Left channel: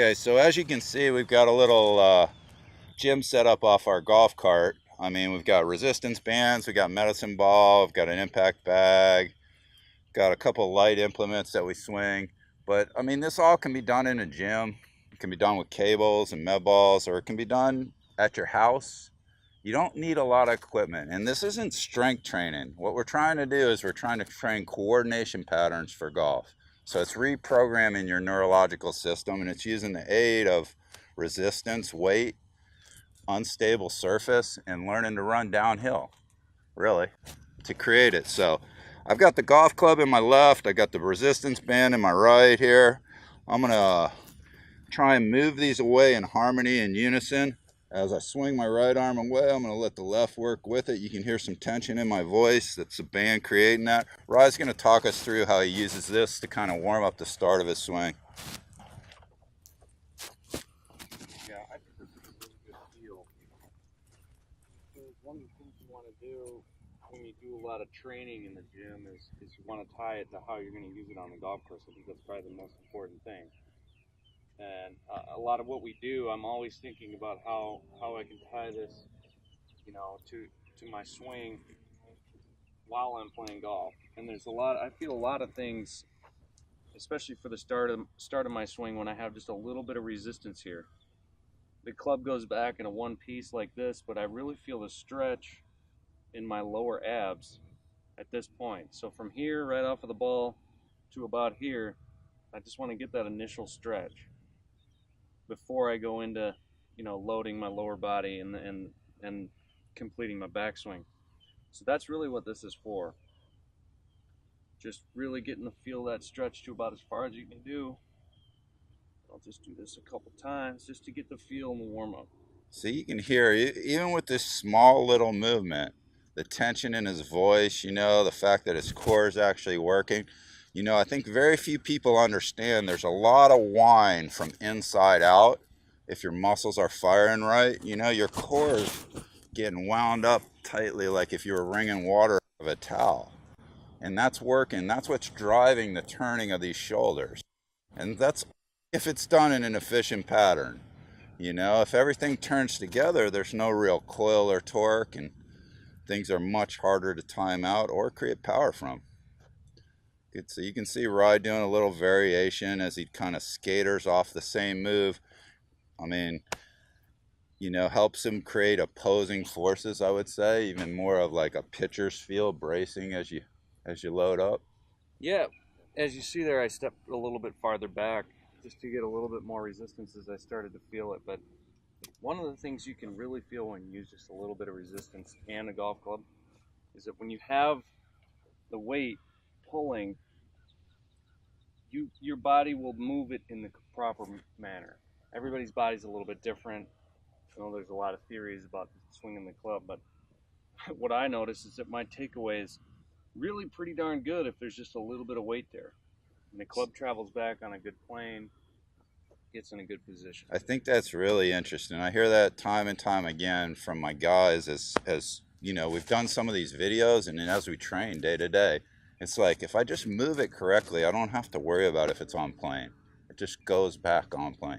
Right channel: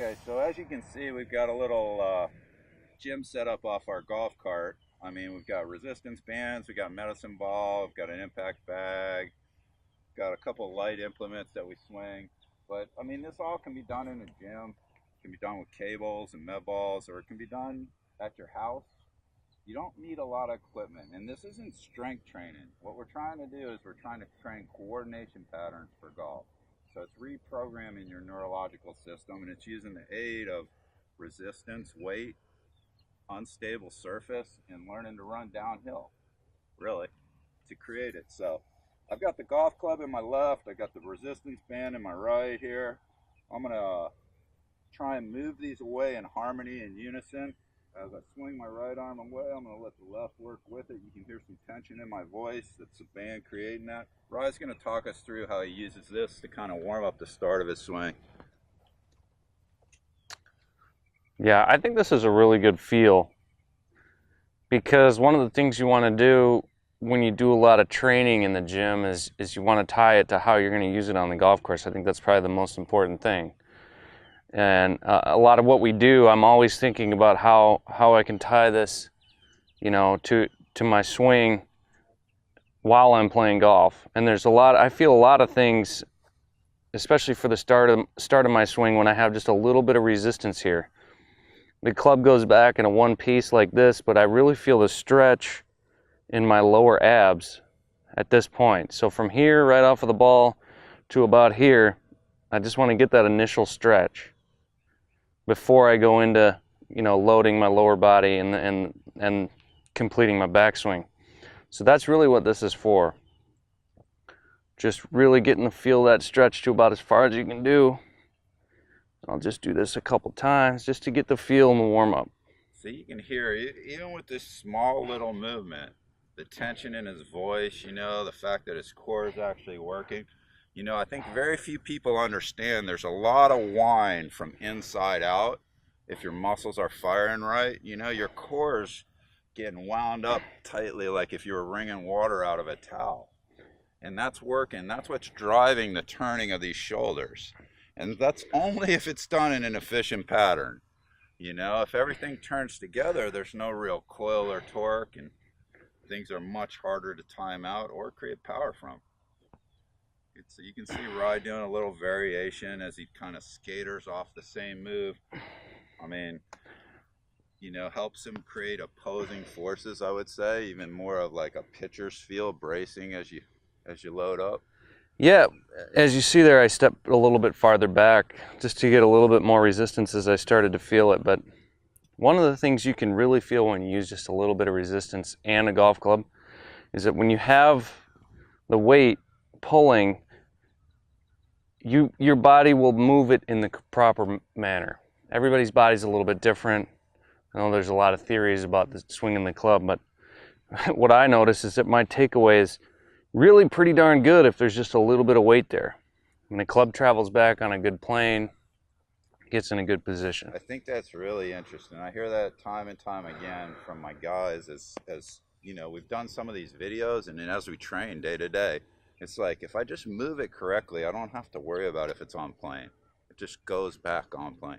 Okay, so as you can see, we've got a little gym set up off our golf cart. I mean, we've got resistance bands, we've got medicine ball, we've got an impact bag, got a couple light implements that we swing. But I mean, this all can be done in a gym. It can be done with cables and med balls, or it can be done at your house. You don't need a lot of equipment. And this isn't strength training. What we're trying to do is we're trying to train coordination patterns for golf. So it's reprogramming your neurological system, and it's using the aid of resistance, weight, unstable surface, and learning to run downhill, really, to create it. So I've got the golf club in my left, I got the resistance band in my right here. I'm gonna try and move these away in harmony and unison. As I swing my right arm away, I'm going to let the left work with it. You can hear some tension in my voice. That's the band creating that. Rod's going to talk us through how he uses this to kind of warm up the start of his swing. Yeah, I think this is a really good feel, because one of the things you want to do when you do a lot of training in the gym is you want to tie it to how you're going to use it on the golf course. I think that's probably the most important thing. And a lot of what we do, I'm always thinking about how I can tie this, you know, to my swing while I'm playing golf. And there's I feel a lot of things, especially for the start of my swing, when I have just a little bit of resistance here. The club goes back in a one piece like this, but I really feel the stretch in my lower abs at this point. So from here, right off of the ball, to about here, I just want to get that initial stretch before I go into, you know, loading my lower body and completing my backswing. So that's really what this is for. Just really getting to feel that stretch to about as far as you can do. I'll just do this a couple times just to get the feel and the warm up. So you can hear, even with this small little movement, the tension in his voice, you know, the fact that his core is actually working. You know, I think very few people understand there's a lot of whine from inside out. If your muscles are firing right, you know, your core is getting wound up tightly like if you were wringing water out of a towel. And that's working. That's what's driving the turning of these shoulders. And that's only if it's done in an efficient pattern. You know, if everything turns together, there's no real coil or torque, and things are much harder to time out or create power from. Good. So you can see Rye doing a little variation as he kind of skaters off the same move. I mean, you know, helps him create opposing forces, I would say, even more of like a pitcher's feel, bracing as you load up. Yeah, as you see there, I stepped a little bit farther back just to get a little bit more resistance as I started to feel it. But one of the things you can really feel when you use just a little bit of resistance and a golf club is that when you have the weight pulling, your body will move it in the proper manner. Everybody's body's a little bit different. I know there's a lot of theories about the swinging the club, but what I notice is that my takeaway is really pretty darn good if there's just a little bit of weight there. When the club travels back on a good plane, gets in a good position. I think that's really interesting. I hear that time and time again from my guys as you know, we've done some of these videos, and then as we train day to day, it's like if I just move it correctly, I don't have to worry about if it's on plane. It just goes back on plane.